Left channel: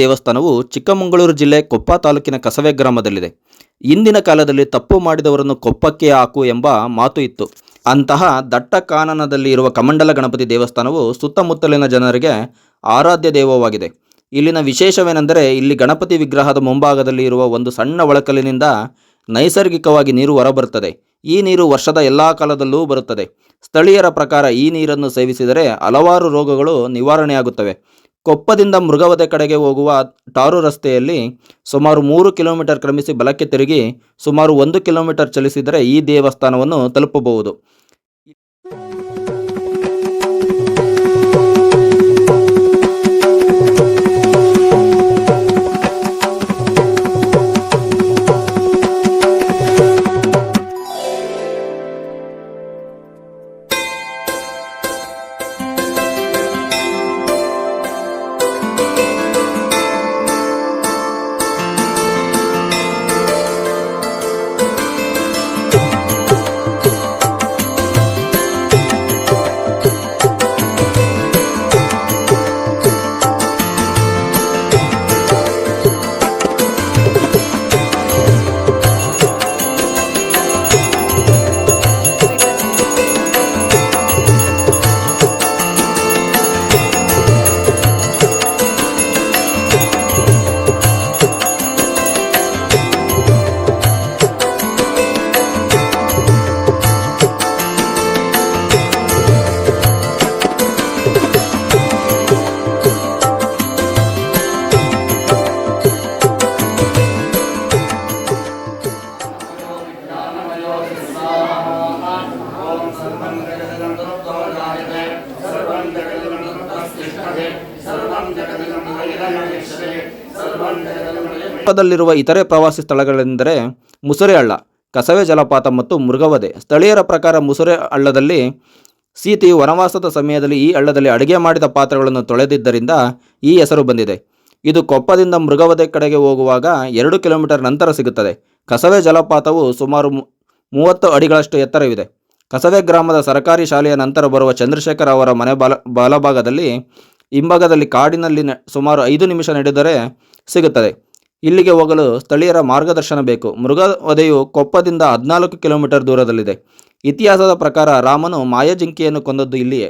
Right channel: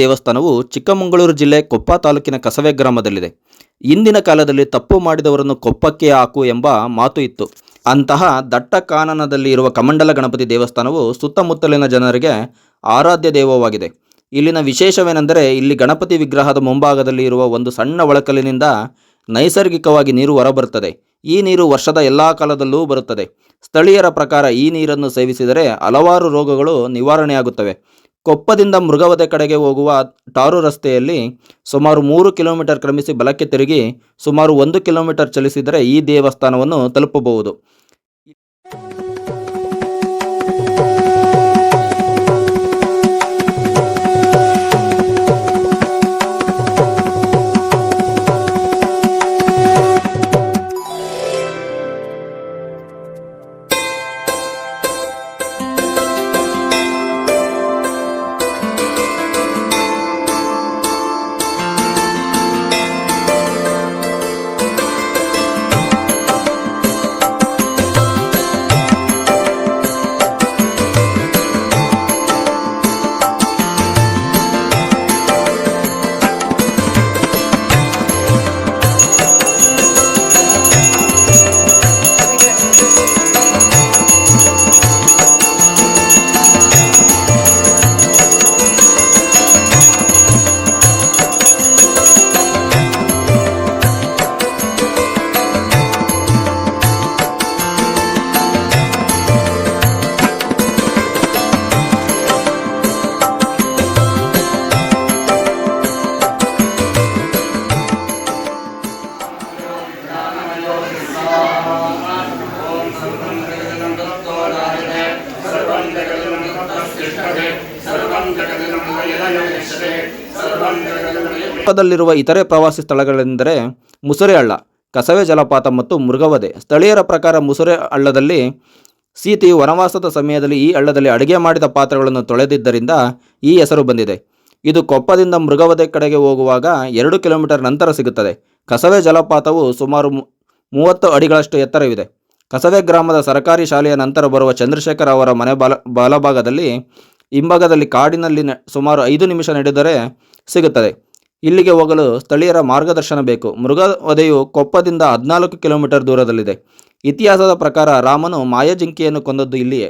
ದೇವಸ್ಥಾನವು ಚಿಕ್ಕಮಗಳೂರು ಜಿಲ್ಲೆ ಕೊಪ್ಪ ತಾಲೂಕಿನ ಕಸವೆ ಗ್ರಾಮದಲ್ಲಿದೆ. ಇಂದಿನ ಕಾಲದಲ್ಲಿ ತಪ್ಪು ಮಾಡಿದವರನ್ನು ಕೊಪ್ಪಕ್ಕೆ ಹಾಕು ಎಂಬ ಮಾತು ಇತ್ತು. ಅಂತಹ ದಟ್ಟ ಕಾನನದಲ್ಲಿ ಇರುವ ಕಮಂಡಲ ಗಣಪತಿ ದೇವಸ್ಥಾನವು ಸುತ್ತಮುತ್ತಲಿನ ಜನರಿಗೆ ಆರಾಧ್ಯ ದೈವವಾಗಿದೆ. ಇಲ್ಲಿನ ವಿಶೇಷವೇನೆಂದರೆ ಇಲ್ಲಿ ಗಣಪತಿ ವಿಗ್ರಹದ ಮುಂಭಾಗದಲ್ಲಿ ಇರುವ ಒಂದು ಸಣ್ಣ ಒಳಕಲ್ಲಿನಿಂದ ನೈಸರ್ಗಿಕವಾಗಿ ನೀರು ಹೊರಬರುತ್ತದೆ. ಈ ನೀರು ವರ್ಷದ ಎಲ್ಲ ಕಾಲದಲ್ಲೂ ಬರುತ್ತದೆ. ಸ್ಥಳೀಯರ ಪ್ರಕಾರ ಈ ನೀರನ್ನು ಸೇವಿಸಿದರೆ ಹಲವಾರು ರೋಗಗಳು ನಿವಾರಣೆಯಾಗುತ್ತವೆ. ಕೊಪ್ಪದಿಂದ ಮೃಗವಧೆ ಕಡೆಗೆ ಹೋಗುವ ಟಾರು ರಸ್ತೆಯಲ್ಲಿ ಸುಮಾರು 3 ಕಿಲೋಮೀಟರ್ ಕ್ರಮಿಸಿ ಬಲಕ್ಕೆ ತಿರುಗಿ ಸುಮಾರು 1 ಕಿಲೋಮೀಟರ್ ಚಲಿಸಿದರೆ ಈ ದೇವಸ್ಥಾನವನ್ನು ತಲುಪಬಹುದು. ಕೊಪ್ಪದಲ್ಲಿರುವ ಇತರೆ ಪ್ರವಾಸಿ ಸ್ಥಳಗಳೆಂದರೆ ಮುಸುರೆ ಹಳ್ಳ, ಕಸವೆ ಜಲಪಾತ ಮತ್ತು ಮೃಗವಧೆ. ಸ್ಥಳೀಯರ ಪ್ರಕಾರ ಮುಸುರೆ ಹಳ್ಳದಲ್ಲಿ ಸೀತೆಯು ವನವಾಸದ ಸಮಯದಲ್ಲಿ ಈ ಹಳ್ಳದಲ್ಲಿ ಅಡುಗೆ ಮಾಡಿದ ಪಾತ್ರೆಗಳನ್ನು ತೊಳೆದಿದ್ದರಿಂದ ಈ ಹೆಸರು ಬಂದಿದೆ. ಇದು ಕೊಪ್ಪದಿಂದ ಮೃಗವಧೆ ಕಡೆಗೆ ಹೋಗುವಾಗ 2 ಕಿಲೋಮೀಟರ್ ನಂತರ ಸಿಗುತ್ತದೆ. ಕಸವೆ ಜಲಪಾತವು ಸುಮಾರು 30 ಅಡಿಗಳಷ್ಟು ಎತ್ತರವಿದೆ. ಕಸವೆ ಗ್ರಾಮದ ಸರ್ಕಾರಿ ಶಾಲೆಯ ನಂತರ ಬರುವ ಚಂದ್ರಶೇಖರ್ ಅವರ ಮನೆ ಬಲಭಾಗದಲ್ಲಿ ಹಿಂಭಾಗದಲ್ಲಿ ಕಾಡಿನಲ್ಲಿ ಸುಮಾರು 5 ನಿಮಿಷ ನಡೆದರೆ ಸಿಗುತ್ತದೆ. ಇಲ್ಲಿಗೆ ಹೋಗಲು ಸ್ಥಳೀಯರ ಮಾರ್ಗದರ್ಶನ ಬೇಕು. ಮೃಗವಧೆಯು ಕೊಪ್ಪದಿಂದ 14 ಕಿಲೋಮೀಟರ್ ದೂರದಲ್ಲಿದೆ. ಇತಿಹಾಸದ ಪ್ರಕಾರ ರಾಮನು ಮಾಯಜಿಂಕೆಯನ್ನು ಕೊಂದದ್ದು ಇಲ್ಲಿಯೇ.